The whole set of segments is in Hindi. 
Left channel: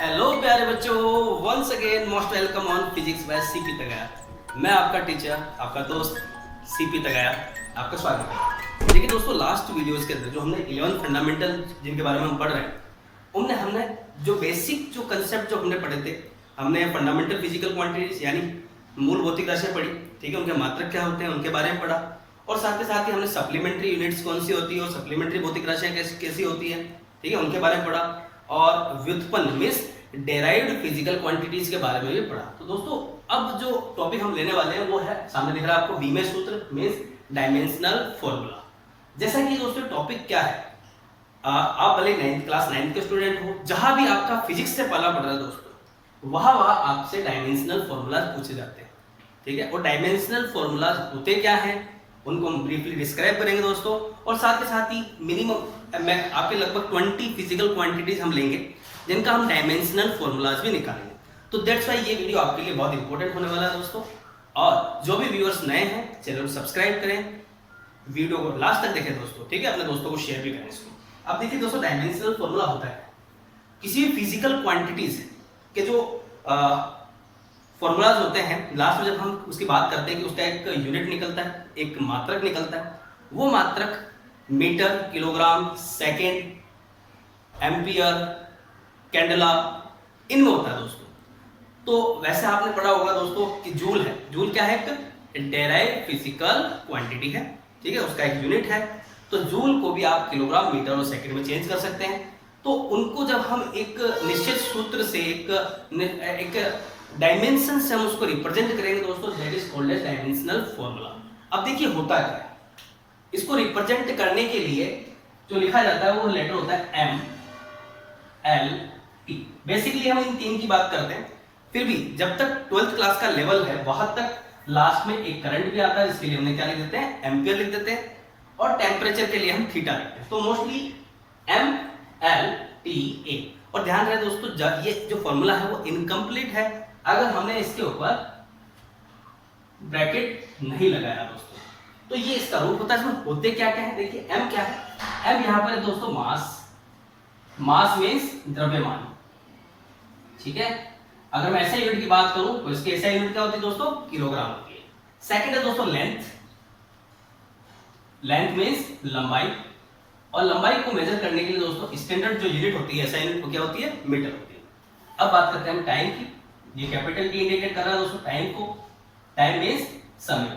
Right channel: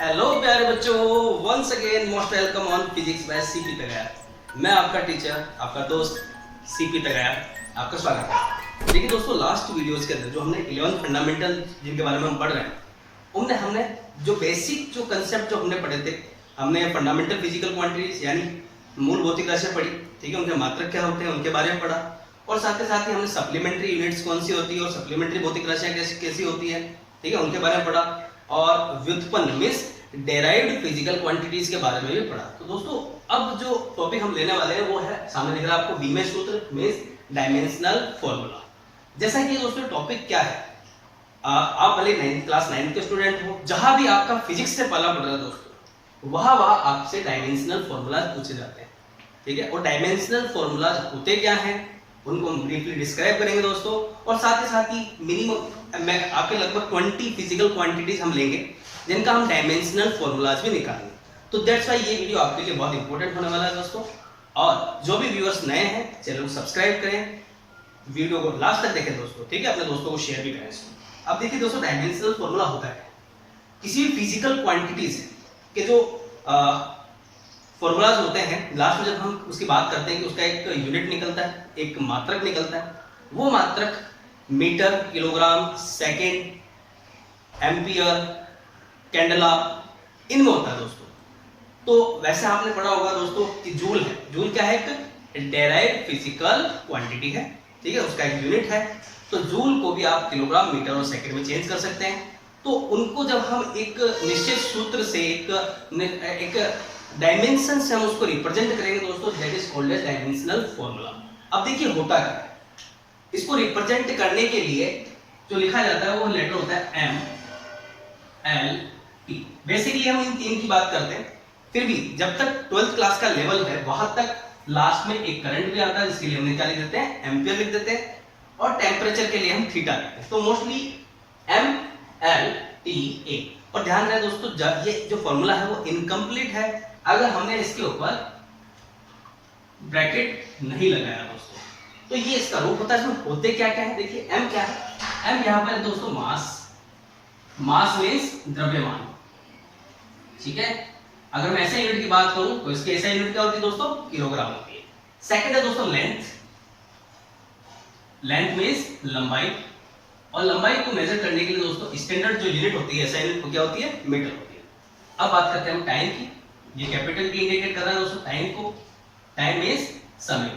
हेलो प्यारे बच्चों, once again most welcome on physics by CP तगया। मैं आपका टीचर, आपका दोस्त सीपी तगया, आपका स्वागत है। देखिए दोस्तों, लास्ट वीडियोस के अंदर जो हमने 11 फंडामेंटल जिनके बारे में हम पढ़ रहे हैं, उनने हमने जो बेसिक जो कंसेप्ट जो हमने पढ़े थे, हमने फंडामेंटल फिजिकल क्वांटिटीज यानी मूल भौतिक राशियां पढ़ी, ठीक है, उनके मात्रक क्या होते हैं उनके बारे में पढ़ा, और साथ ही हमने सप्लीमेंट्री यूनिट्स कौन सी होती है और सप्लीमेंट्री भौतिक राशियां कैसी कैसी होती है, ठीक है, उनके बारे में पढ़ा, और व्युत्पन्न मींस डेराइव्ड फिजिकल क्वांटिटीज के बारे में भी पढ़ा। तो दोस्तों, अब जो टॉपिक हम लेने वाले हैं वो है, सामने दिख रहा है आपको, बीमे सूत्र मींस डायमेंशनल फॉर्मूला। जैसा कि दोस्तों टॉपिक क्या है, आप भले 9th के स्टूडेंट हो, जहां भी आपका फिजिक्स से पहला पढ़ रहा है दोस्तों, वहां आपसे डायमेंशनल फॉर्मूलाज पूछे जाते हैं, ठीक है। और डायमेंशनल फॉर्मूलाज होते क्या हैं उनको हम ब्रीफली डिस्क्राइब करेंगे दोस्तों, और साथ ही मिनिमम आपके लगभग 20 फिजिकल क्वांटिटीज हम लेंगे जिनका हम डायमेंशनल फॉर्मूलाज भी निकालेंगे। तो दैट्स वाई ये वीडियो आपके लिए बहुत इंपॉर्टेंट होने वाला है दोस्तों। और जो भी व्यूअर्स नए हैं, चैनल को सब्सक्राइब करें, वीडियो को लास्ट तक देखें दोस्तों, ठीक है, अपने दोस्तों को शेयर भी करें इसको। अब देखिए दोस्तों, डायमेंशनल फॉर्मूला होता है किसी भी फिजिकल क्वांटिटीज के जो फॉर्मूलाज होते हैं, लास्ट में जब हम उसकी बात करते हैं कि उसका एक यूनिट निकलता है, एक मात्रक निकलता है, वो मात्रक metre, kilogram, second, ampere, candela, इनमें होता है दोस्तों। तो वैसे आपने पढ़ा होगा दोस्तों कि जूल है, जूल क्या है, एक डेराइव्ड फिजिकल क्वांटिटी है, ठीक है, उसका एक यूनिट है। तो जूल को भी आप किलोग्राम, मीटर और सेकंड में चेंज कर सकते हैं। तो उनको जब हम एक निश्चित सूत्र से एक डायमेंशन से हम उसको रिप्रेजेंट करेंगे दोस्तों, that is called as dimensional formula. अब देखिए होता क्या है, इसको रिप्रेजेंट करने के लिए जो लिखा जाता है वो लेटर होता है एम एल टी। बेसिकली हम इन तीन की बात करते हैं, फिर भी जब तक 12th क्लास का लेवल है वहां तक लास्ट में एक करंट भी आता है, जिसके लिए हमने क्या लिख देते हैं, एम्पियर लिख देते हैं, और टेम्परेचर के लिए हम थीटा लिखते हैं। तो mostly M L T A. और ध्यान रहे दोस्तों, ये जो फॉर्मूला है वो इनकम्प्लीट है अगर हमने इसके ऊपर ब्रैकेट नहीं लगाया दोस्तों। तो ये इसका रूप होता है। इसमें होते क्या क्या है, देखिए एम क्या है, एम यहां पर है दोस्तों मास, मास मींस द्रव्यमान, ठीक है। अगर मैं ऐसा यूनिट की बात करूं तो इसकी ऐसा यूनिट क्या होती है दोस्तों, किलोग्राम होती है। सेकंड है दोस्तों लेंथ, लेंथ मींस लंबाई, और लंबाई को मेजर करने के लिए दोस्तों स्टैंडर्ड जो यूनिट होती है, ऐसा यूनिट को क्या होती है, मीटर होती है। अब बात करते हैं हम टाइम की। ये कैपिटल टी इंडिकेट कर रहा है दोस्तों टाइम को, टाइम मींस समय,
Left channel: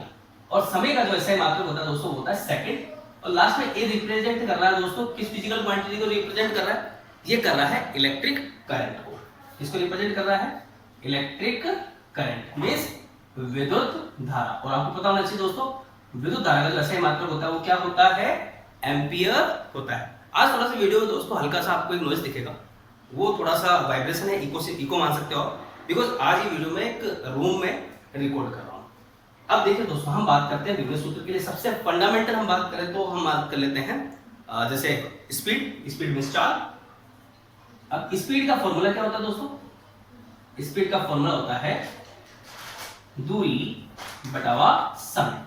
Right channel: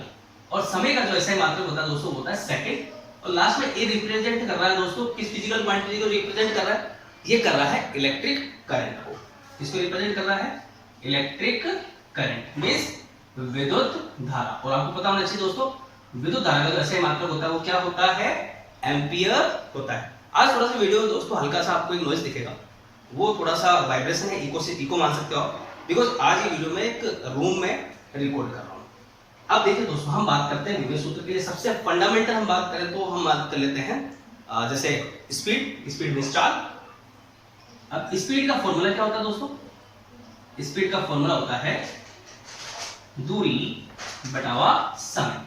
और समय का जो ऐसा मात्रक होता है दोस्तों वो होता है सेकंड। और लास्ट में ए रिप्रेजेंट कर रहा है दोस्तों किस फिजिकल क्वांटिटी को रिप्रेजेंट कर रहा है, ये कर रहा है इलेक्ट्रिक करंट को। इसको रिप्रेजेंट कर रहा है इलेक्ट्रिक करंट मींस विद्युत धारा। और आपको पता होना चाहिए दोस्तों, विद्युत धारा का जो ऐसा मात्रक होता है वो क्या होता है, एम्पियर होता है। आज थोड़ा सा वीडियो में दोस्तों हल्का सा आपको एक नॉइज दिखेगा, वो थोड़ा सा वाइब्रेशन है, इको से इको मान सकते हो आप, बिकॉज आज ये वीडियो में एक रूम में रिकॉर्ड कर रहा हूँ। अब देखिए दोस्तों, हम बात करते हैं विभव सूत्र के लिए सबसे फंडामेंटल हम बात करें तो हम बात कर लेते हैं जैसे स्पीड, स्पीड मींस चाल। अब स्पीड का फॉर्मूला क्या होता है दोस्तों, स्पीड का फॉर्मूला होता है दूरी बटावा समय।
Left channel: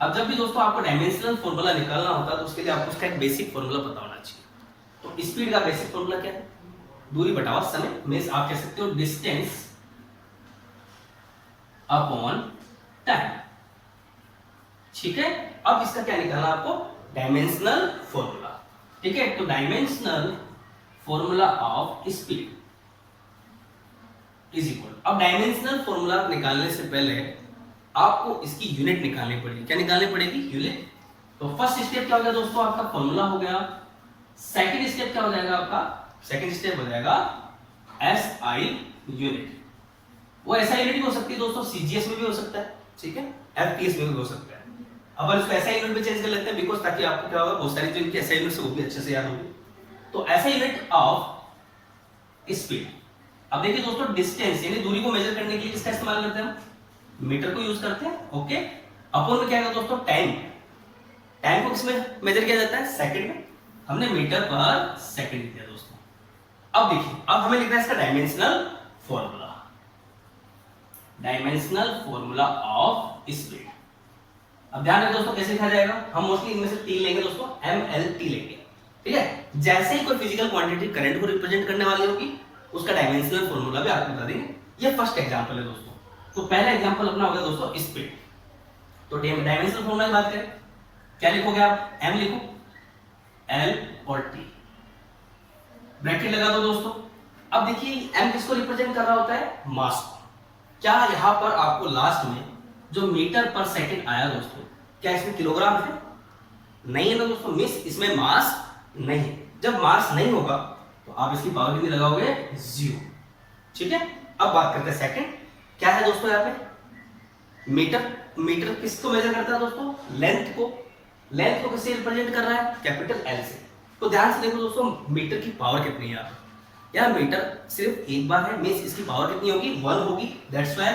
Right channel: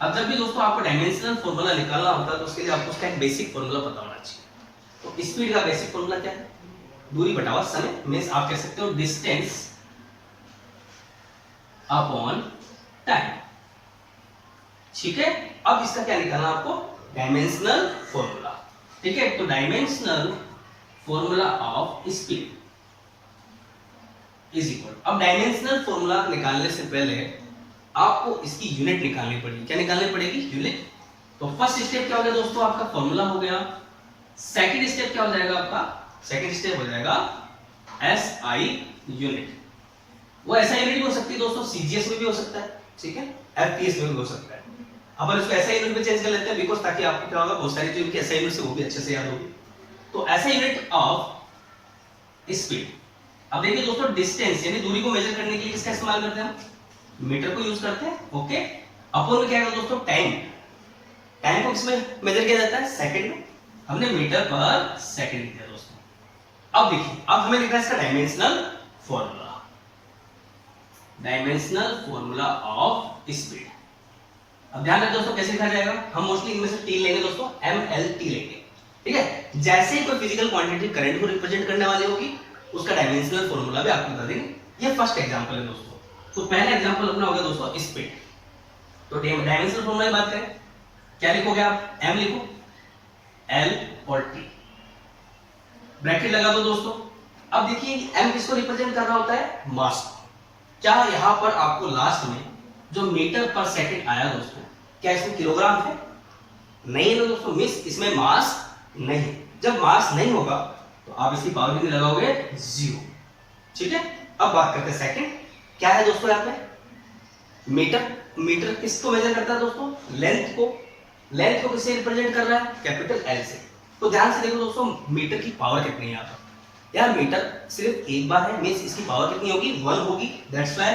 अब जब भी दोस्तों आपको डायमेंशनल फॉर्मूला निकालना होता है तो उसके लिए आपको उसका एक बेसिक फॉर्मूला पता होना चाहिए। तो स्पीड का बेसिक फॉर्मूला क्या है, दूरी बटावा समय मींस आप कह सकते हो डिस्टेंस अपॉन टाइम, ठीक है। अब इसका क्या निकालना आपको, डायमेंशनल फॉर्मूला, ठीक है। तो dimensional formula of speed is equal, अब डायमेंशनल फॉर्मूला निकालने से पहले आपको इसकी यूनिट निकालनी पड़ेगी। क्या निकालनी पड़ेगी, यूनिट। तो फर्स्ट स्टेप क्या हो गया दोस्तों, आपका फॉर्मूला हो गया। सेकंड स्टेप क्या हो जाएगा आपका, सेकंड स्टेप हो जाएगा एसआई यूनिट। वो ऐसा यूनिट भी हो सकती है दोस्तों, सीजीएस में भी हो सकता है, ठीक है, एफपीएस में भी हो सकता है। अपन इसको ऐसा यूनिट में चेंज कर लेते हैं बिकॉज ताकि आपको क्या होगा, बहुत सारी जो इनके ऐसा यूनिट से वो भी अच्छे से याद होगी। तो ऐसा यूनिट ऑफ स्पीड। अब देखिए दोस्तों, डिस्टेंस यानी दूरी को मेजर करने के लिए किसका इस्तेमाल करते हैं हम, मीटर को यूज करते हैं, ओके। अपॉन में क्या है दोस्तों, टाइम, टाइम को किसमें मेजर किया जाता है, सेकंड में, हमने मीटर पर सेकंड लिख दिया दोस्तों। अब देखिए, अब हमें लिखना है इसका dimensional formula, dimensional formula of speed. अब ध्यान रखें दोस्तों कैसे लिखा जाएगा, हम मोस्टली इनमें से टी लेंगे दोस्तों, एम एल टी लेंगे, ठीक है। जैसे ही कोई फिजिकल क्वांटिटी करंट को रिप्रेजेंट करने वाली होगी उसका डायमेंशनल फॉर्मूला भी आपको बता देंगे। ये फर्स्ट एग्जांपल है दोस्तों। तो पहला एग्जांपल अपना हो गया दोस्तों स्पीड। तो डायमेंशनल फॉर्मूला की बात करें, क्या लिखोगे आप? m लिखो, l और t, ब्रैकेट लगा दो दोस्तों। अब देखिए m किसको रिप्रेजेंट कर रहा होता है? मास को। क्या यहां पर आपको लास्ट में जो मीटर पर सेकंड आया दोस्तों, क्या इसमें किलोग्राम है? नहीं है ना दोस्तों, मिस इसमें मास नहीं है। जब मास नहीं होगा तो आप इसकी पावर कितनी लगाओगे? 0। ठीक है, अब बात करते हैं सेकंड। क्या है दोस्तों यहाँ पे? मीटर। मीटर किसको मेजर करता है दोस्तों? लेंथ को। लेंथ को किससे रिप्रेजेंट कर रहा है? कैपिटल एल से। तो ध्यान से देखो दोस्तों, मीटर की पावर कितनी है यहाँ पर? यार मीटर सिर्फ एक बार है, मींस इसकी पावर कितनी होगी? 1 होगी। दैट्स व्हाई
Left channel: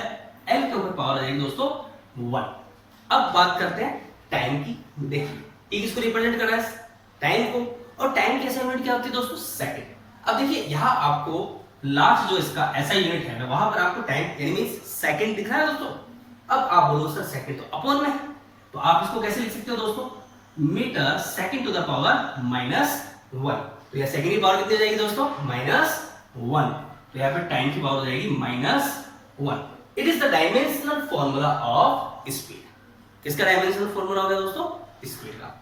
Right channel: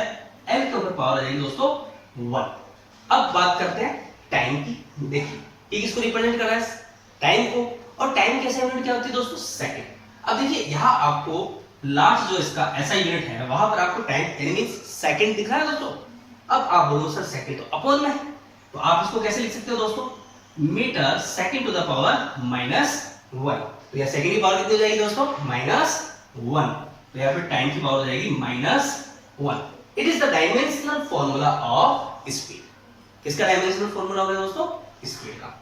एल के ऊपर पावर आ जाएगी दोस्तों 1। अब बात करते हैं टाइम की। देखिए ये किसको रिप्रेजेंट कर रहा है? टाइम को। और टाइम की ऐसा यूनिट क्या होती है दोस्तों? सेकंड। अब देखिए यहाँ आपको लास्ट जो इसका ऐसा यूनिट है वहां पर आपको टाइम यानी मींस सेकंड दिख रहा है दोस्तों। अब आप बोलो सर सेकंड तो अपॉन में है, तो आप इसको कैसे लिख सकते हो दोस्तों? Metre second to the power -1। तो यहाँ सेकंड की पावर कितनी हो जाएगी दोस्तों? -1। तो यहाँ पे टाइम की पावर हो जाएगी -1। It is the dimensional formula of speed. किसका डायमेंशनल फॉर्मूला हो गया दोस्तों? स्पीड का।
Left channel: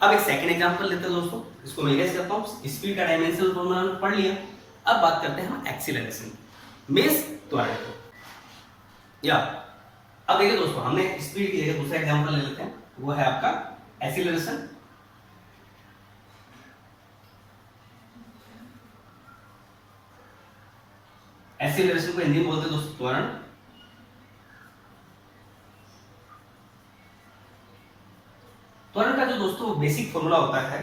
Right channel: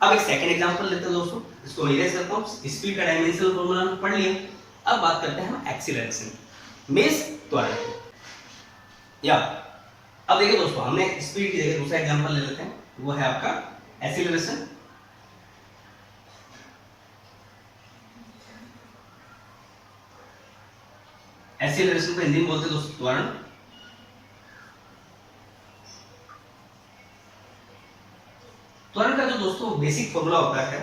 अब एक सेकंड एग्जांपल लेते हैं दोस्तों, इसको मैं इरेज करता हूं। स्पीड का डायमेंशनल फॉर्मूला पढ़ लिया। अब बात करते हैं हम एक्सीलरेशन की, मींस त्वरण की। या अब देखिए दोस्तों, हमने स्पीड की जगह दूसरा एग्जांपल ले लेते हैं, वो है आपका एक्सीलरेशन। एक्सीलरेशन को हिंदी में बोलते हैं दोस्तों त्वरण। त्वरण का जो दोस्तों बेसिक फॉर्मूला होता है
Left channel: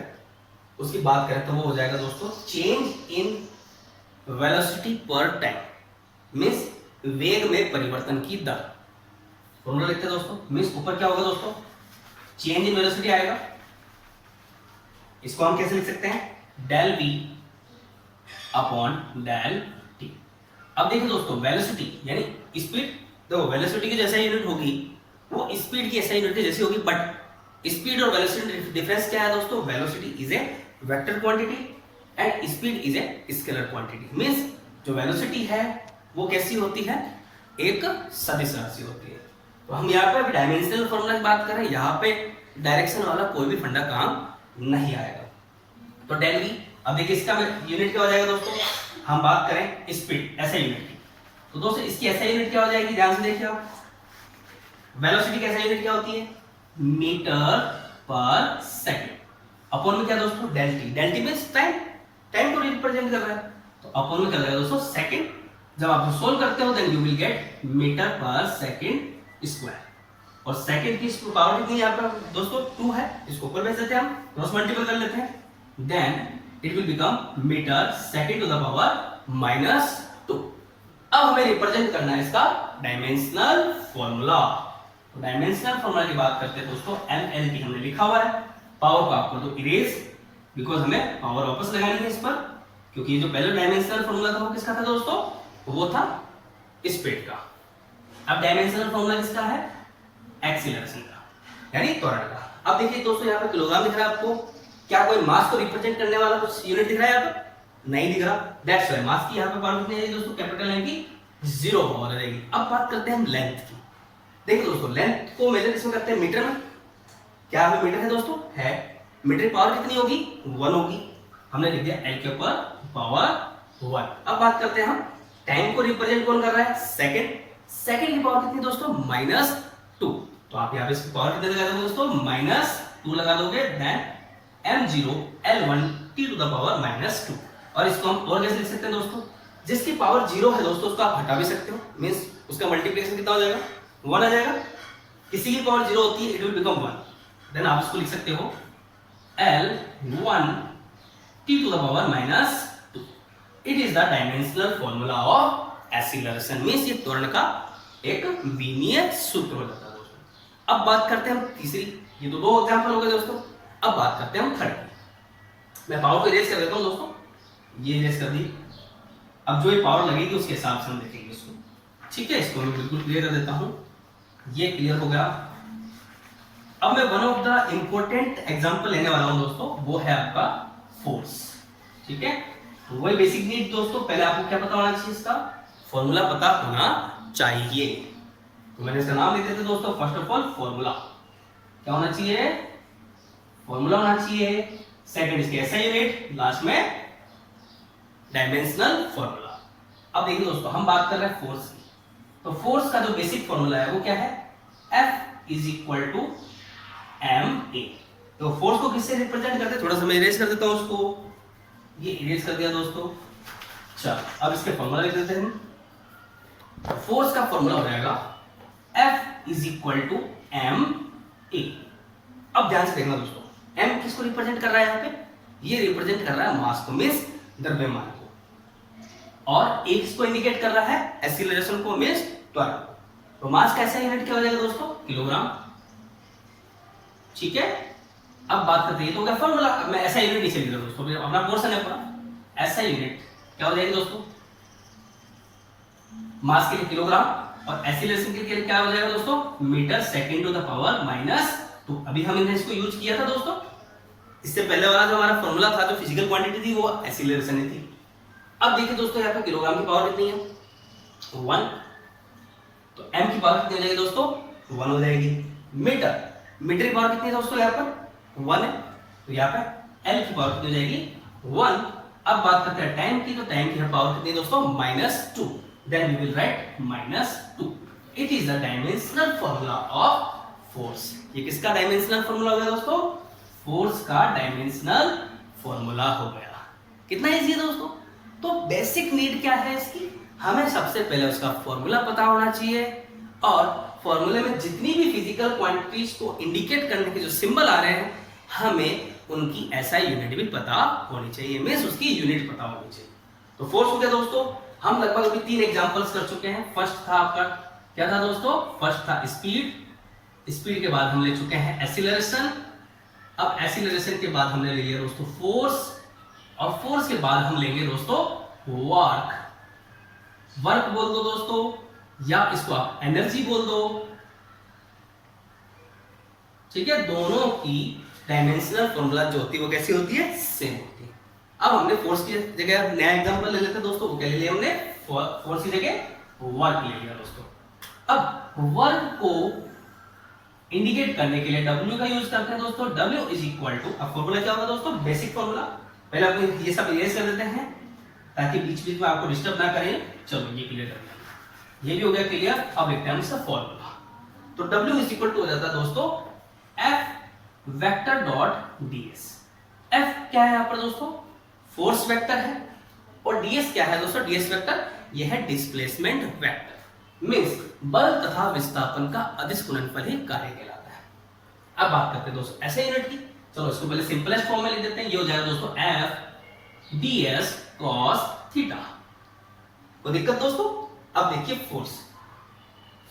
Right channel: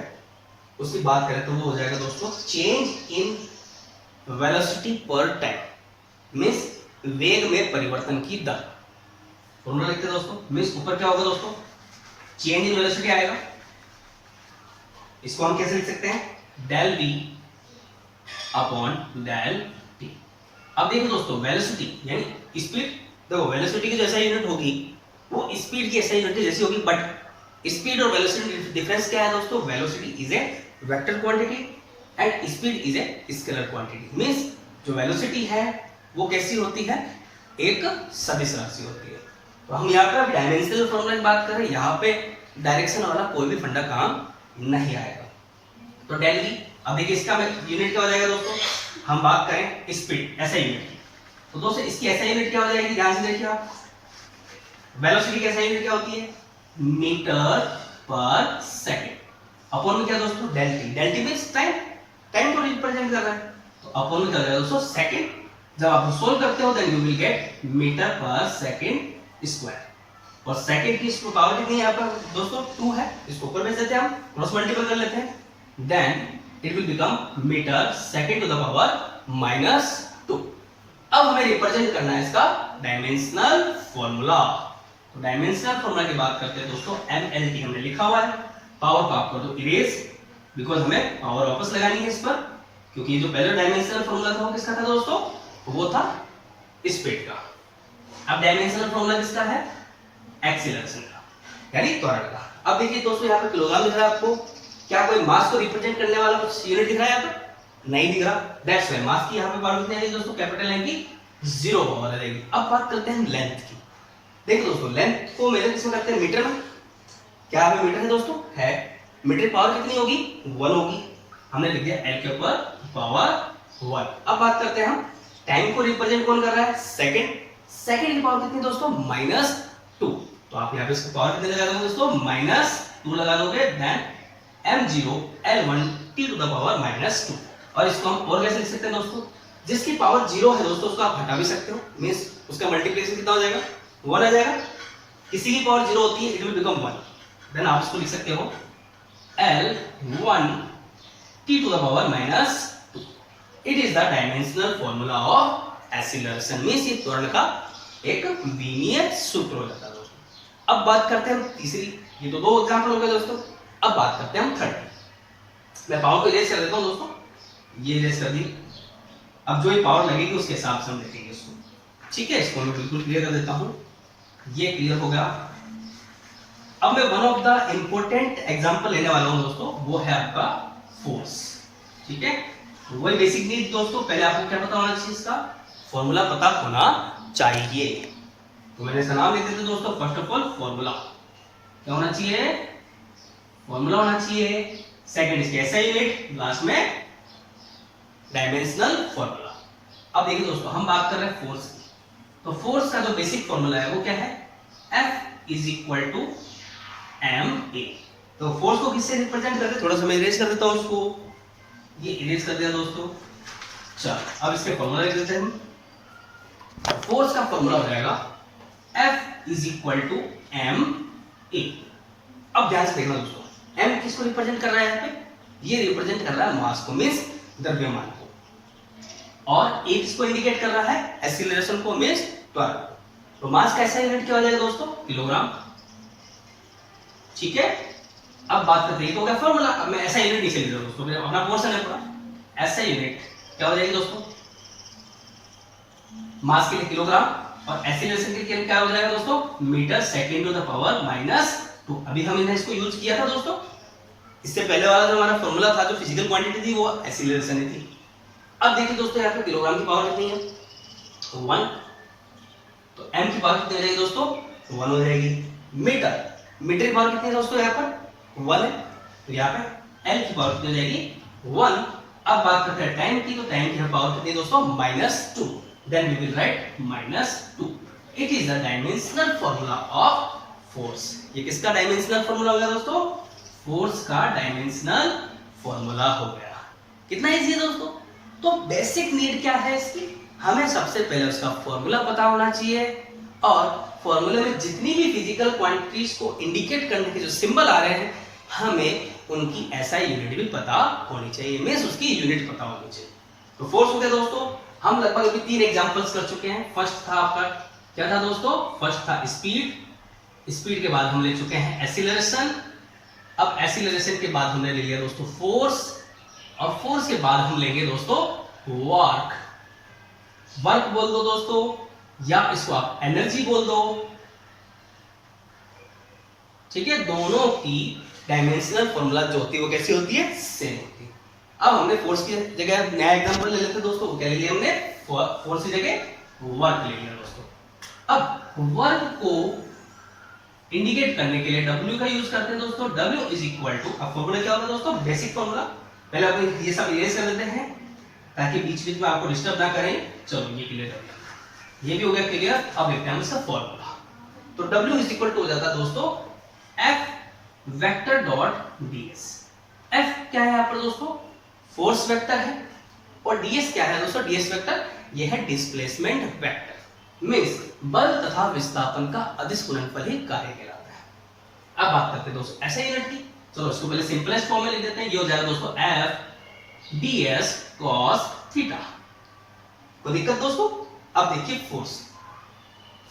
उसकी बात करें तो वो हो जाएगा दोस्तों चेंज इन वेलोसिटी पर टाइम, मींस वेग में परिवर्तन की दर। फॉर्मूला लिखते हैं दोस्तों, मींस ऊपर क्या होगा दोस्तों? चेंज इन वेलोसिटी आएगा। इसको हम कैसे लिख सकते हैं? Del v upon del t। अब देखो दोस्तों, वेलोसिटी यानी स्पीड, देखो वेलोसिटी की जैसा यूनिट होगी वो स्पीड की ऐसा यूनिट जैसी होगी, बट स्पीड और वेलोसिटी डिफरेंस क्या है दोस्तों? Velocity is a vector quantity and speed is a scalar quantity. Means जो वेलोसिटी है वो कैसी होती है? एक सदिश राशि होती है। तो हम यहाँ पर डायमेंशनल फॉर्मूला की बात करें, यहाँ पे डायरेक्शन वाला कोई भी फंडा काम नहीं आएगा। तो डेल v, अब देखिए इसका यूनिट क्या हो जाएगा दोस्तों? हम बात करें स्पीड ऐसा यूनिट की, तो दोस्तों इसकी ऐसा यूनिट क्या हो जाएगी? ध्यान से देखिए आप, वेलोसिटी की ऐसा यूनिट क्या होती है? Metre per second. अपॉन में क्या दोस्तों? Del T. Del T means time, time को रिप्रेजेंट कर रहा है। तो अपॉन में क्या हो जाएगा दोस्तों? सेकंड। जब आप सोल्व करते हो then you will get metre per second square. और सेकंड की पावर कितनी है यहाँ पर दोस्तों? 2 है। इसको ऊपर भेज देते हैं, हम क्रॉस मल्टीपल कर लेते हैं, then it will become metre second to the power -2। अब हमें रिप्रेजेंट करना है इसका डायमेंशनल फॉर्मूला। तो डायमेंशनल फॉर्मूला की बात करते हैं दोस्तों, MLT हमने लिखा हुआ है। पावर को आप कर दो इरेज, बिकॉज हमें पावर वापस लगानी है इस पर, क्योंकि ये जो पहले डायमेंशनल फॉर्मूला था वो किसका था दोस्तों? वो था स्पीड का। अब डायमेंशनल फॉर्मूला किसका है? एक्सीलरेशन का, यानी त्वरण का। अब देखिए दोस्तों, यहाँ पे किलोग्राम दिख रहा है आपको। क्या कोई मास को रिप्रेजेंट करने वाला कुछ यूनिट दिख रहा है यहाँ पर? नहीं दिख रहा। दैट्स व्हाई मास की यहाँ पे पावर कितनी आएगी दोस्तों? कैपिटल एम की 0 पावर आ जाएगी। अब बात करते हैं हम लेंथ की। देखो दोस्तों, लेंथ को मेजर किसमें करते हैं? मीटर में। क्या यहाँ पे मीटर है दोस्तों? है। मीटर की पावर कितनी होगी? 1 होगी। हमने लिख दिया एल के ऊपर पावर 1। अब बात करते हैं हम टाइम को रिप्रेजेंट कौन कर रहा है? सेकंड। सेकंड की पावर कितनी दोस्तों? -2। तो आप यहाँ पे इसकी पावर कितने लगा दोगे दोस्तों? -2 लगा दोगे, then m0 l1 t to the power -2। और इसको हम और कैसे लिख सकते हैं दोस्तों? जिसकी पावर 0 है दोस्तों उसको आप हटा भी सकते हो, मींस उसका मल्टीप्लिकेशन कितना हो जाएगा? 1 आ जाएगा। किसी की पावर 0 होती है, इट विल बिकम 1, देन आप इसको लिख सकते हो l1 t to the power -2। It is the dimensional formula of acceleration, means ये त्वरण का एक विमीय सूत्र हो जाता है दोस्तों। अब बात करते हैं हम तीसरी। ये तो 2 एग्जांपल हो गए दोस्तों। अब बात करते हैं हम थर्ड की। मैं पावर को इरेज कर देता हूं दोस्तों, ये इरेज कर दी। अब जो ये पावर लगेगी उसके हिसाब से हम देखेंगे इसको, ठीक है। इसको मैं बिल्कुल क्लियर कर देता हूं, ये क्लियर हो गया। अब मैं one of the important example लेने वाला हूं दोस्तों, वो है आपका फोर्स। ठीक है, तो वही बेसिक नीड दोस्तों। पहले आपको क्या पता होना चाहिए, इसका फॉर्मूला पता होना चाहिए। तो मैंने इसका नाम लिख देते दोस्तों, फर्स्ट ऑफ ऑल फॉर्मूला क्या होना चाहिए, फॉर्मूला होना चाहिए। सेकंड इसके एसआई यूनिट, लास्ट में डायमेंशनल फॉर्मूला। अब देखिए दोस्तों, हम बात कर रहे हैं फोर्स की, तो फोर्स का जो बेसिक फॉर्मूला है वो क्या है, F is equal to ma। तो फोर्स को किससे रिप्रेजेंट करते हैं, थोड़ा सा मैं इरेज कर देता हूं उसको, ये इरेज कर दिया दोस्तों। चल अब इसके फॉर्मूला लिख देते हैं। फोर्स का फॉर्मूला हो जाएगा F is equal to ma। अब ध्यान से देखना दोस्तों, m किसको रिप्रेजेंट कर रहा है, यहाँ पे ये रिप्रेजेंट कर रहा है मास को, मींस द्रव्यमान को, और a किसको इंडिकेट कर रहा है, एक्सीलरेशन को, मींस त्वरण को। तो मास का ऐसा यूनिट क्या हो जाएगा दोस्तों, किलोग्राम। ठीक है, अब बात करते हैं, तो क्या फॉर्मूला, अब मैं ऐसा यूनिट नीचे लिख रहा हूं दोस्तों, अपना पोर्शन है पूरा, ऐसा यूनिट क्या हो जाएगी दोस्तों, मास के लिए किलोग्राम, और एक्सीलरेशन के लिए क्या हो जाएगा दोस्तों, metre second to the power -2। अभी हमने इसको यूज किया था दोस्तों, इससे पहले वाला जो हमारा फॉर्मूला था, जो फिजिकल क्वांटिटी थी, वो एक्सीलरेशन ही थी। अब देखिए दोस्तों, यहाँ पे किलोग्राम की पावर कितनी है, 1, तो m की पावर कितनी हो जाएगी दोस्तों, 1 हो जाएगी। मीटर, मीटर की पावर कितनी है दोस्तों, यहाँ पर 1 है, तो यहाँ पे l की पावर कितनी हो जाएगी, 1। अब बात करते हैं टाइम की, तो टाइम की पावर कितनी है दोस्तों, -2। Then we will write -2. It is the dimensional formula of force. ये किसका डायमेंशनल फॉर्मूला हो गया दोस्तों, फोर्स का डायमेंशनल फॉर्मूला हो गया। कितना इजी है दोस्तों। तो बेसिक नीड क्या है इसकी, हमें सबसे पहले उसका फॉर्मूला पता होना चाहिए, और फॉर्मूले में जितनी भी फिजिकल क्वांटिटीज को इंडिकेट करने के जो सिंबल आ रहे हैं, हमें उनकी एसआई यूनिट भी पता होनी चाहिए, मींस उसकी यूनिट पता होनी चाहिए। तो फोर्स हो गया दोस्तों, हम लगभग अभी 3 एग्जांपल्स कर चुके हैं। फर्स्ट था आपका क्या था दोस्तों, फर्स्ट था स्पीड, स्पीड के बाद हम ले चुके हैं एक्सीलरेशन, अब एक्सीलरेशन के बाद हमने ले लिया दोस्तों फोर्स, और फोर्स के बाद हम लेंगे दोस्तों वर्क। वर्क बोल दो दोस्तों, या इसको आप एनर्जी बोल दो, ठीक है। दोनों की डायमेंशनल फॉर्मूला जो होती है वो कैसी होती है, सेम होती है। अब हमने फोर्स की जगह नया एग्जांपल ले लेते हैं दोस्तों, वो क्या ले लिया हमने, फोर्स की जगह वर्क ले लिया दोस्तों। अब वर्क को इंडिकेट करने के लिए W का यूज करते हैं दोस्तों, W इज इक्वल टू, अब फॉर्मूला क्या होगा दोस्तों, बेसिक फॉर्मूला। पहले आप ये सब इरेज कर देते हैं ताकि बीच बीच में आपको डिस्टर्ब ना करें। चलो ये क्लियर कर दिया, ये भी हो गया क्लियर। अब लिखते हैं हम इसका फॉर्मूला, तो W इज इक्वल टू हो जाता है दोस्तों F vector dot ds। F क्या है यहाँ पर दोस्तों, फोर्स वेक्टर है, और ds क्या है दोस्तों, ds वेक्टर ये है डिस्प्लेसमेंट वेक्टर, मींस बल तथा विस्थापन का अदिश गुणनफल ही कार्य कहलाता है। अब बात करते हैं दोस्तों ऐसे यूनिट की, चलो इसको पहले सिंपलेस्ट फॉर्म में लिख देते हैं। ये हो जाएगा दोस्तों F ds cos थीटा। कोई दिक्कत दोस्तों। अब देखिए फोर्स,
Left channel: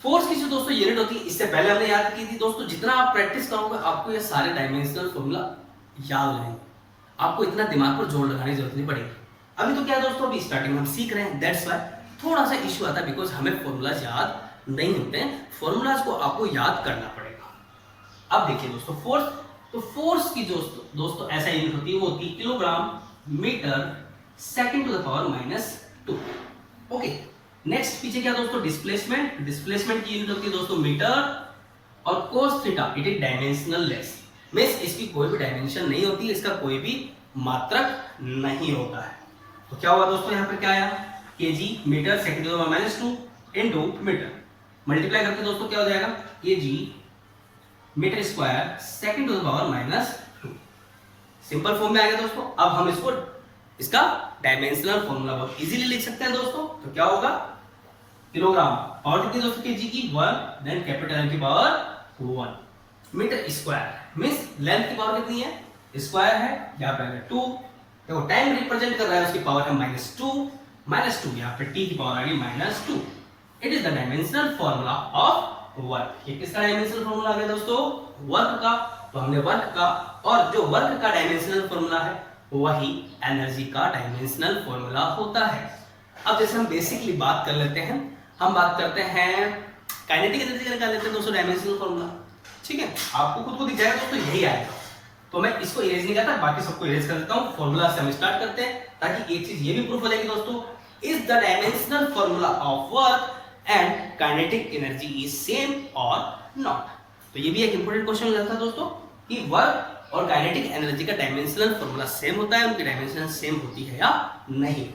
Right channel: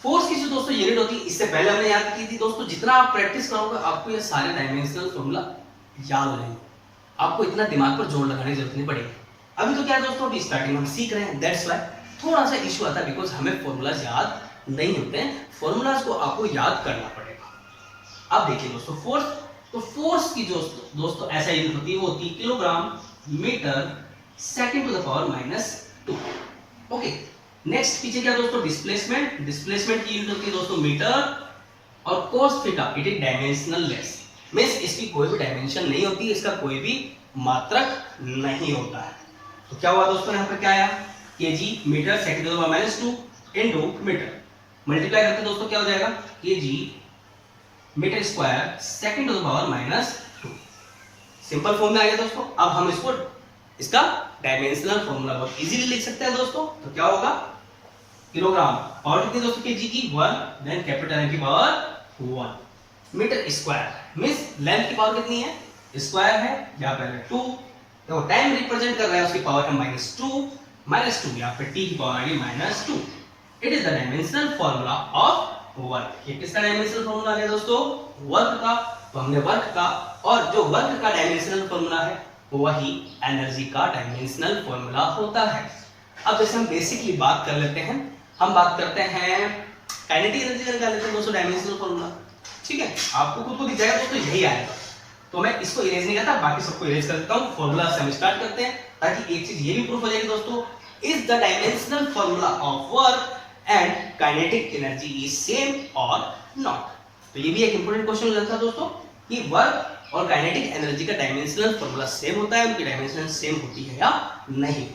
फोर्स की जो दोस्तों यूनिट होती है, इससे पहले हमने याद की थी दोस्तों, जितना आप प्रैक्टिस करोगे आपको ये सारे डायमेंशनल फॉर्मूला याद रहेंगे, आपको इतना दिमाग पर जोर लगाने की जरूरत नहीं पड़ेगी। अभी तो क्या दोस्तों, अभी स्टार्टिंग में हम सीख रहे हैं, दैट्स व्हाई थोड़ा सा इशू आता है, बिकॉज हमें फॉर्मूलाज याद नहीं होते हैं, फॉर्मूलाज को आपको याद करना पड़ेगा। अब देखिए दोस्तों फोर्स, तो फोर्स की जो दोस्तों ऐसा यूनिट होती है, वो होती है kilogram metre second to the power -2। Okay, next पीछे क्या दोस्तों, डिस्प्लेसमेंट, डिस्प्लेसमेंट की यूनिट होती है दोस्तों मीटर, और cos theta it is dimensional less, means इसकी कोई भी डायमेंशन नहीं होती, इसका कोई भी मात्रक नहीं होता है। तो क्या हुआ दोस्तों, यहाँ पर क्या आया, kg metre second to the power -2 into metre, multiply करते दोस्तों क्या हो जाएगा, kg metre square second to the power -2। Simple form में आ गया दोस्तों। अब हम इसको, इसका डायमेंशनल फॉर्मूला बहुत इजीली लिख सकते हैं दोस्तों। तो क्या होगा, किलोग्राम पावर कितनी दोस्तों, kg की 1, देन कैपिटल M की पावर 1, मीटर स्क्वायर मींस लेंथ की पावर कितनी है, स्क्वायर है, यहाँ पे 2, देखो टाइम रिप्रेजेंट कर रहा है, उसकी पावर है -2, यहाँ पे t की पावर आ गई -2। It is the dimensional formula of work. ये किसका डायमेंशनल फॉर्मूला आ गया दोस्तों, वर्क का। तो हमने वर्क का, और जो वर्क का डायमेंशनल फॉर्मूला है वही एनर्जी का डायमेंशनल फॉर्मूला होता है। अब जैसे हम बेसिकली बात कर लेते हैं, हम बात करते हैं काइनेटिक एनर्जी का निकाल लेते हैं दोस्तों डायमेंशनल फॉर्मूला, ठीक है। आपको खुद को दिख जाएगा दोस्तों, यही आएगा। तो मैं इसको इरेज नहीं करता, बाकी सबको इरेज कर देता हूँ। फॉर्मूला से हम स्टार्ट करते हैं। ताकि एक चीज ये भी प्रूफ हो जाएगी दोस्तों, is the dimensional formula of work and kinetic energy is same और नॉट। तो ये भी एक इंपॉर्टेंट क्वेश्चन हो जाता है दोस्तों कि वर्क और काइनेटिक एनर्जी का डायमेंशनल फॉर्मूला सेम होता है, उनकी डायमेंशन सेम होती है या नहीं।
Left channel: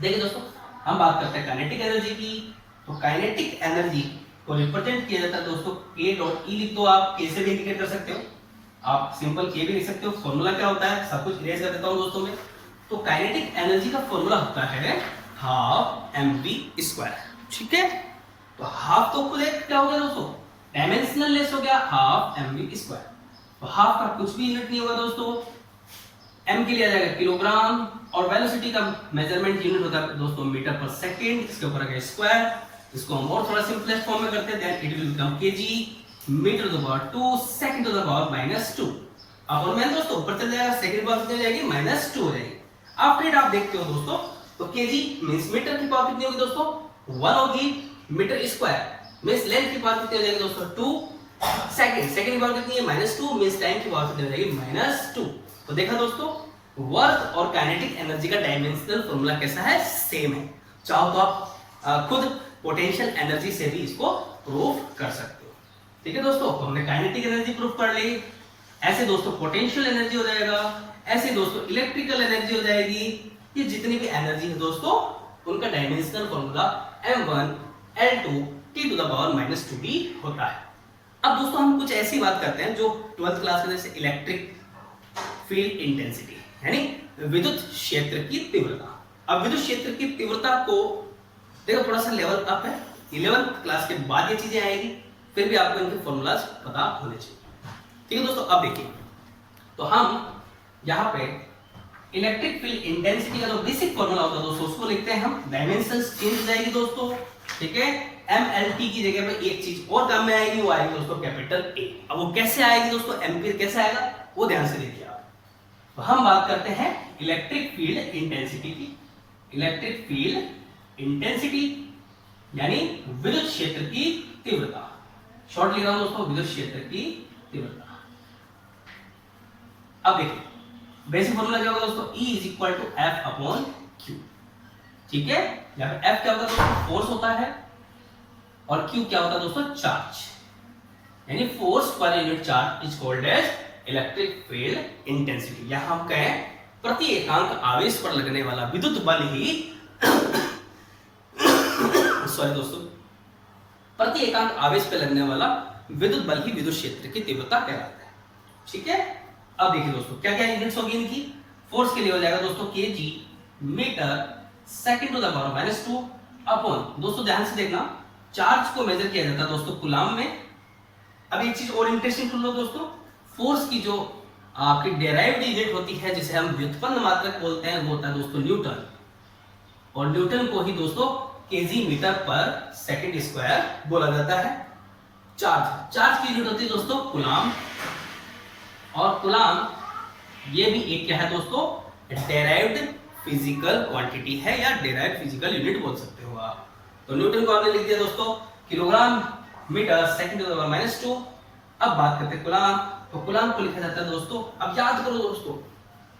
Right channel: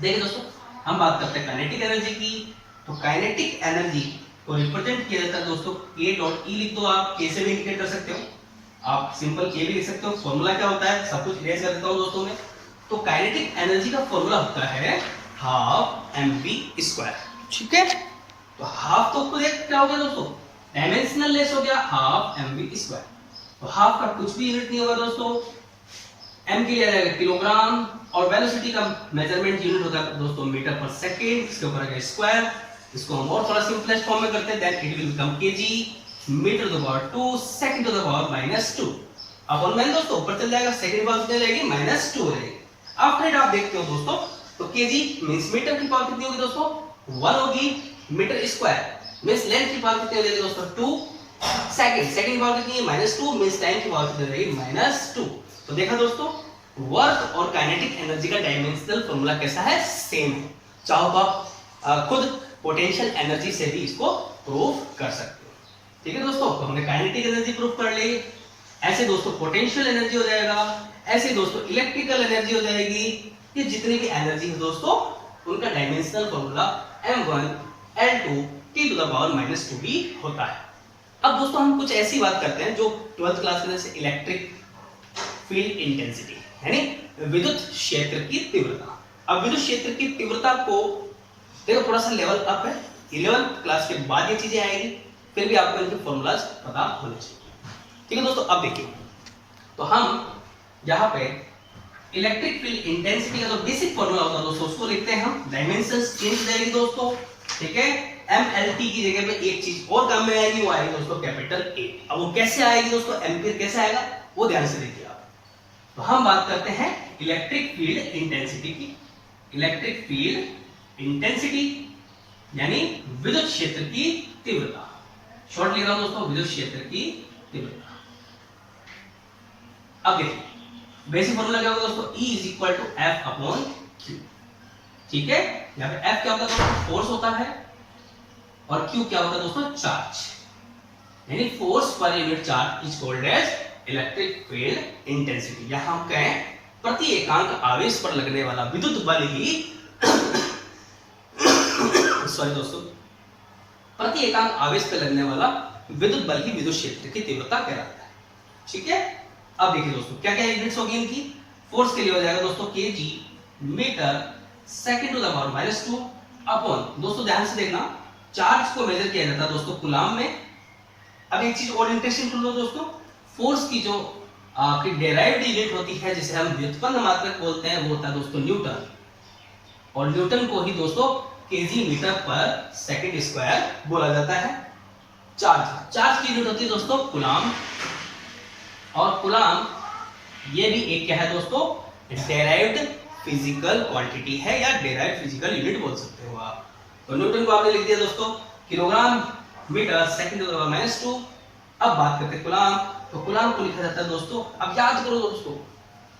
देखिए दोस्तों, हम बात करते हैं काइनेटिक एनर्जी की। तो काइनेटिक एनर्जी को रिप्रेजेंट किया जाता है दोस्तों K डॉट E। लिख दो आप, K से भी इंडिकेट कर सकते हो, आप सिंपल K भी लिख सकते हो। फॉर्मूला क्या होता है, सब कुछ इरेज कर देता हूं दोस्तों में। तो काइनेटिक एनर्जी का फॉर्मूला होता है हाफ mv स्क्वायर, ठीक है। तो हाफ तो खुद एक क्या हो गया दोस्तों, डायमेंशनल लेस हो गया, हाफ mv स्क्वायर। तो हाफ का कुछ भी यूनिट नहीं होगा दोस्तों, m के लिए आ जाएगा किलोग्राम, और वेलोसिटी का मेजरमेंट यूनिट होता है दोस्तों मीटर पर सेकेंड, इसके ऊपर आ गया स्क्वायर। इसको हम और थोड़ा सिंपलेस्ट फॉर्म में करते हैं, then it will become kg metre to the power 2 second to the power -2 अपन में दोस्तों ऊपर चल जाएगा, सेकंड पावर कितनी हो जाएगी -2 हो जाएगी। आफ्टर इट आप देखते हो दोस्तों, तो kg मींस मीटर की पावर कितनी होगी दोस्तों 1 होगी, मीटर स्क्वायर मींस लेंथ की पावर कितनी हो जाएगी दोस्तों 2, सेकंड की पावर कितनी है -2 मींस टाइम की पावर कितनी हो जाएगी -2। तो देखा दोस्तों, वर्क और काइनेटिक एनर्जी का डायमेंशनल फॉर्मूला कैसा है, सेम है। चाहो तो आप खुद पोटेंशियल एनर्जी से भी इसको प्रूफ कर सकते हो, ठीक है दोस्तों। तो हमने काइनेटिक एनर्जी प्रूफ कर ली, ऐसे दोस्तों पोटेंशियल एनर्जी हो जाएगा, ऐसे दोस्तों इलेक्ट्रिकल एनर्जी हो जाएगी। ये जितनी भी एनर्जी है दोस्तों, उनका dimensional formula m1 L2 t to the power -2 भी होता है। अब दोस्तों हम कुछ ऐसी बात करते हैं जो 12th क्लास में, जैसे इलेक्ट्रिक फील्ड इंटेंसिटी, यानी विद्युत क्षेत्र की तीव्रता। अब विद्युत क्षेत्र की तीव्रता को देखो थोड़ा सा लेवल अप है, 11th क्लास के बाद ये चीजें आएगी, फिर भी आपको इनके फॉर्मूलाज पता होने चाहिए, ठीक है दोस्तों। अब देखिए, तो हम यहाँ पे इलेक्ट्रिक फील्ड इंटेंसिटी का जो बेसिक फॉर्मूला होता है दोस्तों, उसको लिखते हैं हम, डायमेंशंस चेंज हो जाएगी दोस्तों, ठीक है। MLT की जगह पे एक चीज और काम में आएगी, वो आएगी दोस्तों कैपिटल A। अब वो कैसे आएगी दोस्तों, एम्पीयर कैसे आएगा, वो ध्यान से देखिए आप। तो हम बात करते हैं इलेक्ट्रिक फील्ड इंटेंसिटी की। इलेक्ट्रिक फील्ड इंटेंसिटी यानी विद्युत क्षेत्र की तीव्रता, शॉर्ट लिख रहा हूं दोस्तों, विद्युत क्षेत्र की तीव्रता। अब देखिए बेसिक फॉर्मूला क्या होगा दोस्तों, E is equal to F upon Q, ठीक है। यहाँ पे F क्या होता है दोस्तों, फोर्स होता है, और Q क्या होता है दोस्तों, चार्ज, यानी force per unit charge is called as electric field intensity. यहां हम कहें प्रति एकांक आवेश पर लगने वाला विद्युत बल ही सॉरी दोस्तों, प्रति एकांक आवेश पर लगने वाला विद्युत बल ही विद्युत क्षेत्र की तीव्रता कहलाता है, ठीक है। अब देखिए दोस्तों क्या क्या यूनिट्स होगी इनकी। फोर्स के लिए हो जाएगा दोस्तों kg metre second to the power -2 upon, दोस्तों ध्यान से देखना, चार्ज को मेजर किया जाता है दोस्तों कूलाम में। अब एक चीज और इंटरेस्टिंग सुन लो दोस्तों, फोर्स की जो आपकी डेराइव्ड यूनिट होती है, जिसे हम व्युत्पन्न मात्रक बोलते हैं, वो होता है दोस्तों न्यूटन, और न्यूटन को ही दोस्तों kg metre per second square बोला जाता है। चार्ज की यूनिट होती है दोस्तों कूलाम, और कूलाम ये भी एक क्या है दोस्तों, डेराइव्ड फिजिकल क्वांटिटी है, या डेराइव्ड फिजिकल यूनिट बोल सकते हो आप। तो न्यूटन को आपने लिख दिया दोस्तों kilogram metre second to the power -2। अब बात करते हैं कूलाम, तो कूलाम को लिखा जाता है दोस्तों, अब याद करो दोस्तों,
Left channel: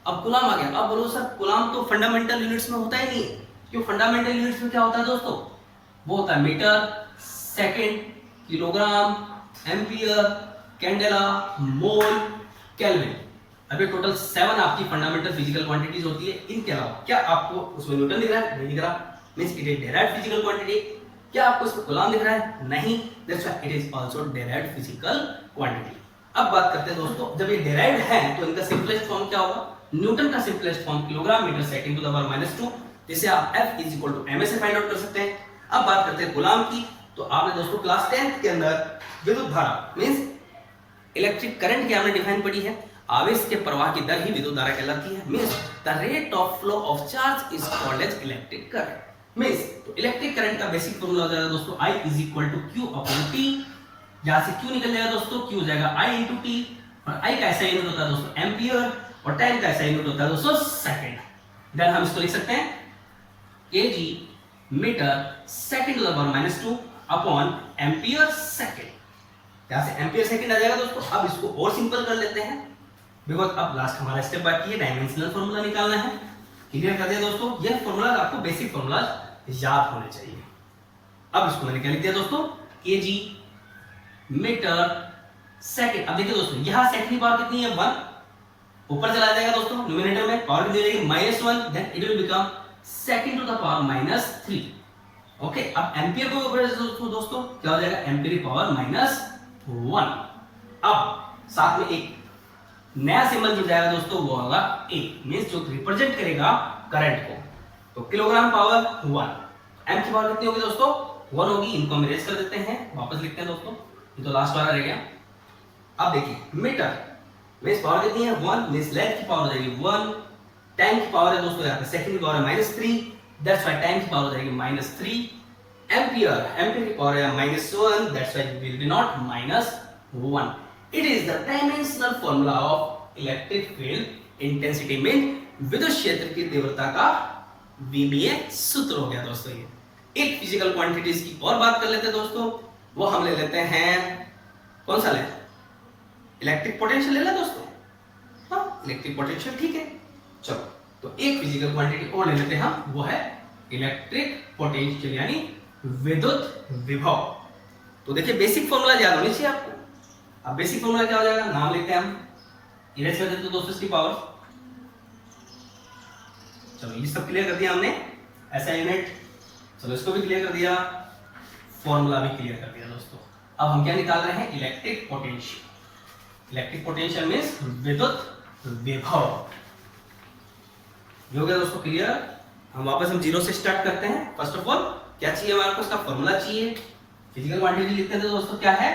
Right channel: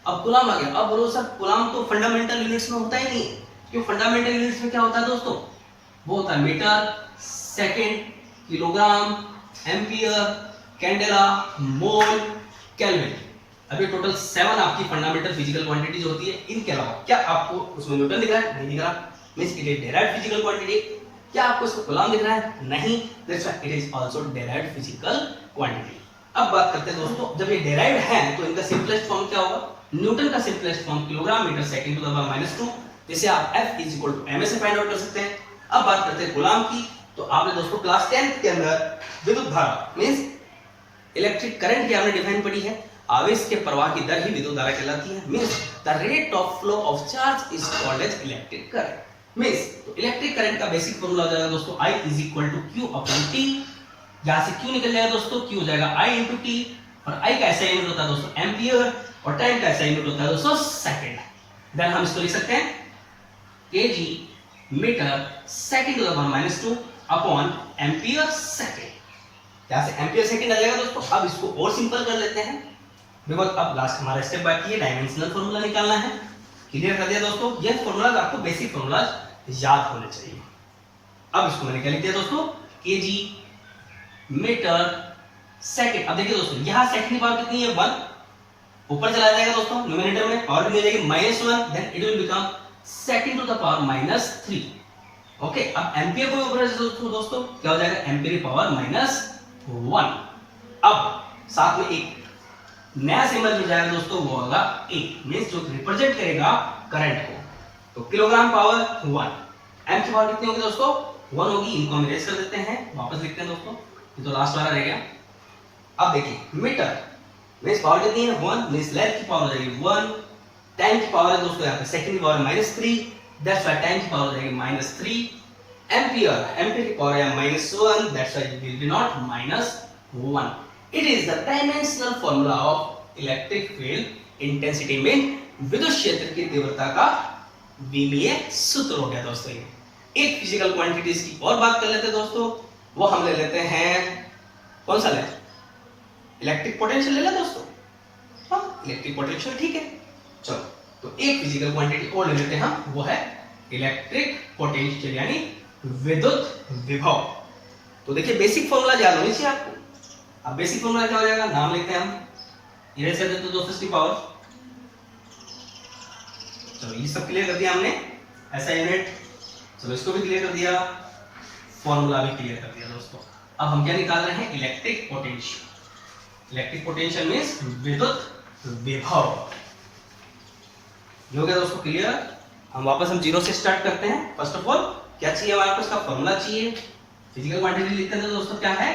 अब कूलाम आ गया। अब बोलो सर कूलाम तो फंडामेंटल यूनिट्स में होता ही नहीं, क्यों, फंडामेंटल यूनिट्स में क्या होता है दोस्तों, वो होता है metre, second, kilogram, ampere, candela, mole, kelvin. अभी टोटल 7 आपकी फंडामेंटल फिजिकल क्वांटिटीज होती है। इनके अलावा क्या आपको उसमें न्यूटन दिख रहा है, नहीं दिख रहा, means it is derived physical quantity. क्या आपको इसमें कूलाम दिख रहा है, नहीं, that's why it is also derived physical quantity. अब बात करते हैं दोस्तों, जब ये डेराइव्ड है तो इनका सिंपलेस्ट फॉर्म क्या होगा, न्यूटन का simplest form kilogram metre second to the power -2, जिसे आप F is equal to ma से फाइंड आउट कर सकते हैं। अब बात करते हैं कूलाम की, तो आपने दोस्तों क्लास 10th के अंदर विद्युत धारा मींस इलेक्ट्रिक करंट की आपने डिफाइन पढ़ी है, आवेश के प्रवाह की दर ही विद्युत धारा कहलाती है, means the rate of flow of charge is called as electric current. Means तो इलेक्ट्रिक करंट का बेसिक फॉर्मूला हो जाएगा दोस्तों I is equal to Q upon T। यहां से Q निकल जाएगा दोस्तों, Q हो जाएगा I इंटू T, और I का ऐसा यूनिट होता है दोस्तों एम्पियर, और टाइम का ऐसा यूनिट होता है दोस्तों सेकंड। देन हम इसको लिख सकते हैं kg metre second to the power -2 upon ampere second. यहां से एम्पियर सेकंड आ जाएगा दोस्तों। अब इसको और सिंपल कर लेते हैं, बिकॉज अब लास्ट हमारा स्टेप बाकी है, डायमेंशनल फॉर्मूला निकालना है, क्लियर कर दिया दोस्तों। यह फॉर्मूलाज आपको बेसिक फॉर्मूलाज याद होने चाहिए। अब इसको मैंने क्या लिख दिया दोस्तों, केजी मीटर सेकंड। अब देखिए दोस्तों यहाँ सेकंड की पावर कितनी है 1, ऊपर चला जाएगा दोस्तों न्यूमरेटर में, पावर कितनी हो जाएगी -1, then it will become second to the power -3। Okay, अब एम्पियर को ऊपर दोस्तों क्या हो जाएगा, एम्पियर की पावर -1। अब साथ में एक नया सिंबल जुड़ जाएगा दोस्तों, वो होगा ए, मींस जो रिप्रेजेंट करेगा करंट को। तो किलोग्राम पावर 1, एम की पावर कितनी होगी दोस्तों 1 होगी। इनको हम इरेज कर देते हैं, वापस लिखते हैं दोस्तों, ये तो लास्ट वाला रह गया। अब देखिए मीटर मींस पावर कितनी है 1, मींस लेंथ की पावर हो जाएगी 1, टाइम की पावर है दोस्तों यहाँ पे सेकंड की पावर है -3, दैट्स व्हाई टाइम की पावर हो जाएगी -3। एम्पियर की पावर है -1, that's why will be not -1। It is the dimensional formula of electric field intensity में विद्युत क्षेत्र की तीव्रता का विमीय सूत्र हो गया दोस्तों। ये एक फिजिकल क्वांटिटीज की और बात कर लेते हैं दोस्तों, वो हम ले लेते हैं, कौन सा ले, इलेक्ट्रिक पोटेंशियल ले लें दोस्तों। हाँ, इलेक्ट्रिक पोटेंशियल ठीक है। चलो तो एक फिजिकल क्वांटिटी और ले लेते हैं हम, वो है इलेक्ट्रिक पोटेंशियल यानी विद्युत विभव। तो देखिए बेसिक फॉर्मूला याद होनी चाहिए आपको। अब बेसिक फॉर्मूला क्या हो जाएगा, नाम लिखते हैं हम, इरेज कर देते हैं दोस्तों इसकी पावर। चलो ये सब क्लियर कर दिया हमने, ऐसा यूनिट, चलो इसको भी क्लियर कर दिया, फॉर्मूला भी क्लियर कर दिया दोस्तों। अब हम क्या निकाल रहे हैं, electric potential. Electric potential means विद्युत विभव। हो गया दोस्तों क्लियर। हम वापस जीरो से स्टार्ट करते हैं। फर्स्ट ऑफ ऑल क्या चाहिए हमारे पास, का फॉर्मूला चाहिए, फिजिकल क्वांटिटी लिखते हैं दोस्तों, क्या है,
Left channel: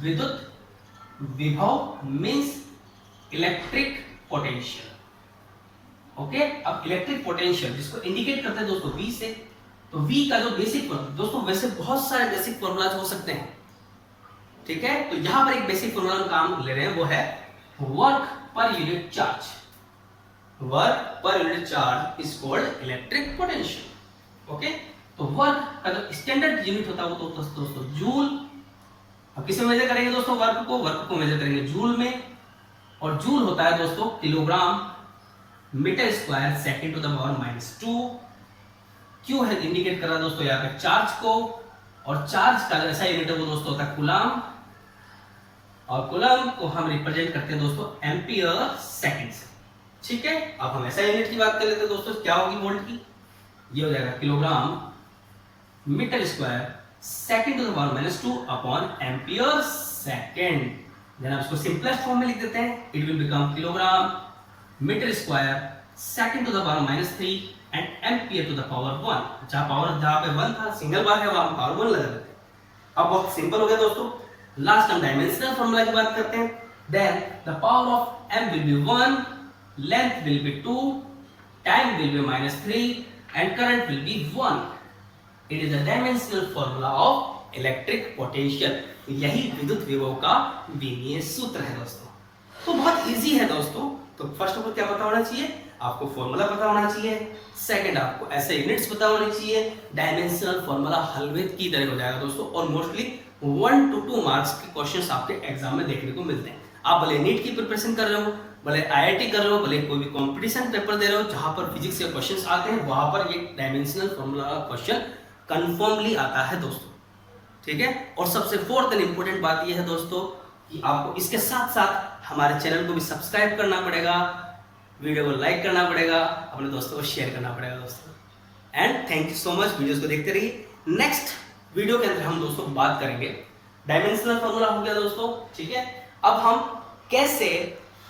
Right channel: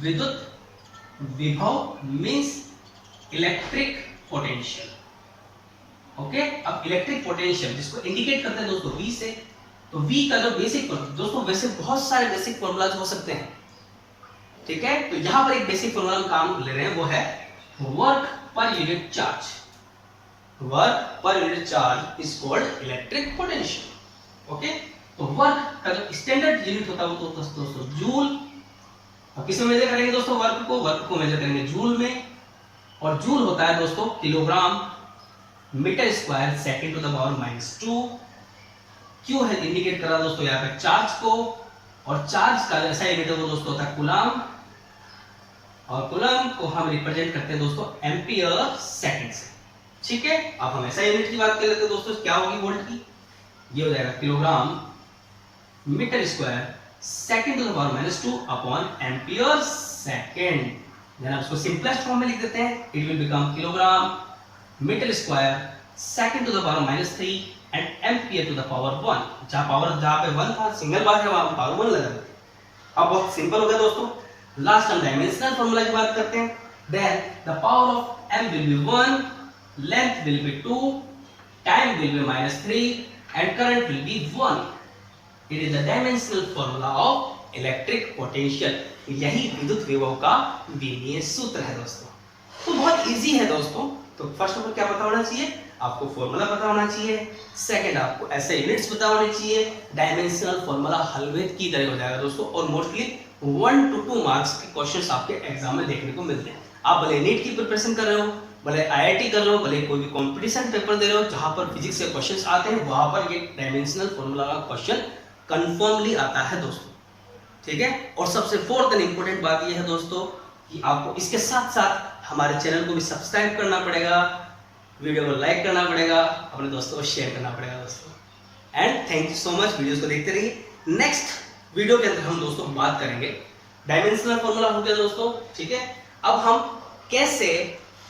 विद्युत विभव मींस इलेक्ट्रिक पोटेंशियल। ओके, अब इलेक्ट्रिक पोटेंशियल जिसको इंडिकेट करते हैं दोस्तों V से, तो V का जो बेसिक दोस्तों, वैसे बहुत सारे बेसिक फॉर्मूलाज हो सकते हैं, ठीक है। तो यहां पर एक बेसिक फॉर्मूला हम काम ले रहे हैं, वो है वर्क पर यूनिट चार्ज। वर्क पर unit charge is called electric potential. Okay, तो वर्क का जो स्टैंडर्ड यूनिट होता है वो तो दोस्तों जूल। अब किस में मेजर करेंगे दोस्तों, वर्क को मेजर करेंगे जूल में, और जूल होता है दोस्तों kilogram metre square second to the power -2। Q है इंडिकेट कर रहा है दोस्तों यहाँ पे चार्ज को, और चार्ज का ऐसा यूनिट है वो दोस्तों होता है कूलम, और कूलम को हम रिप्रेजेंट करते हैं दोस्तों एम्पियर सेकंड से, ठीक है। अब हम ऐसा यूनिट की बात कर लेते हैं दोस्तों, क्या होगी वोल्ट की, ये हो जाएगा kilogram metre square second to the power -2 upon ampere second. Then आप इसको सिंपलेस्ट फॉर्म में लिख देते हैं, it will become kilogram metre square second to the power -3 and ampere to the power 1। जहां पे 1 था, सिंगल बार है, वहां पावर 1 लगा देते हैं। अब बहुत सिंपल हो गया दोस्तों। लास्ट हम डायमेंशनल फॉर्मूला की बात करते हैं। Then the power of m will be 1, length will be 2, time will be -3 and current will be 1। It is the dimensional formula of electric potential। यही विद्युत विभव का विमीय सूत्र है दोस्तों। तो बहुत इजी है दोस्तों। तो फर्स्ट ऑफ ऑल क्या पता होना चाहिए आपको, फॉर्मूला पता होना चाहिए। सेकंड आपको ऐसे यूनिट्स पता होने चाहिए। डायमेंशनल फॉर्मूला हलवे की तरह हो जाएगा दोस्तों, और मोस्टली 1 to 2 मार्क्स के क्वेश्चंस आपके एग्जाम में देखने को मिलते हैं। आप भले नीट की प्रिपरेशन कर रहे हो, भले IIT कर रहे हो, भले कोई भी कॉम्पिटिशन पेपर दे रहे हो, जहां पर फिजिक्स के क्वेश्चंस आते हैं, वहां पर ये डायमेंशनल फॉर्मूला का क्वेश्चन कंफर्मली आता है दोस्तों, ठीक है। और सबसे फोर्थ एंड इंपॉर्टेंट बात यह है दोस्तों कि आपको इसके साथ साथ हमारे चैनल को भी सब्सक्राइब करना पड़ेगा, वीडियो को लाइक करना पड़ेगा, अपने दोस्तों को शेयर करना पड़ेगा दोस्तों। And thank you so much, videos को देखते रहिए। नेक्स्ट वीडियो के अंदर हम दोस्तों बात करेंगे डायमेंशनल फॉर्मूला हो गया दोस्तों, ठीक है। अब हम कैसे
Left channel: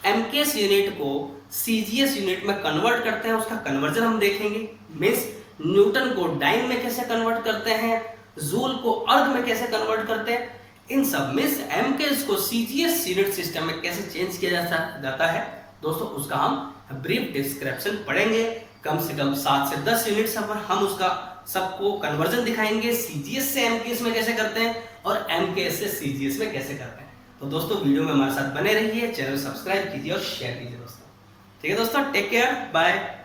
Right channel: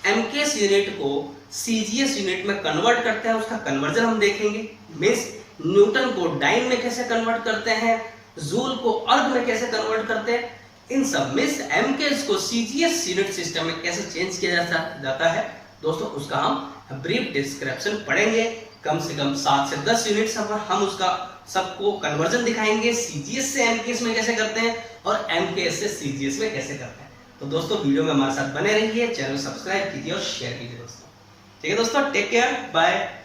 एमकेएस यूनिट को सीजीएस यूनिट में कन्वर्ट करते हैं, उसका कन्वर्जन हम देखेंगे। मींस न्यूटन को डाइन में कैसे कन्वर्ट करते हैं, जूल को अर्ग में कैसे कन्वर्ट करते हैं, इन सब में एमकेएस को सीजीएस यूनिट सिस्टम में कैसे चेंज किया जाता है दोस्तों, उसका हम ब्रीफ डिस्क्रिप्शन पढ़ेंगे। कम से कम 7 से 10 यूनिट्स हम उसका सबको कन्वर्जन दिखाएंगे, सीजीएस से एमकेएस में कैसे करते हैं और एमकेएस से सीजीएस में कैसे करते हैं। तो दोस्तों वीडियो में हमारे साथ बने रहिए, चैनल सब्सक्राइब कीजिए और शेयर कीजिए दोस्तों, ठीक है दोस्तों। Take care, bye.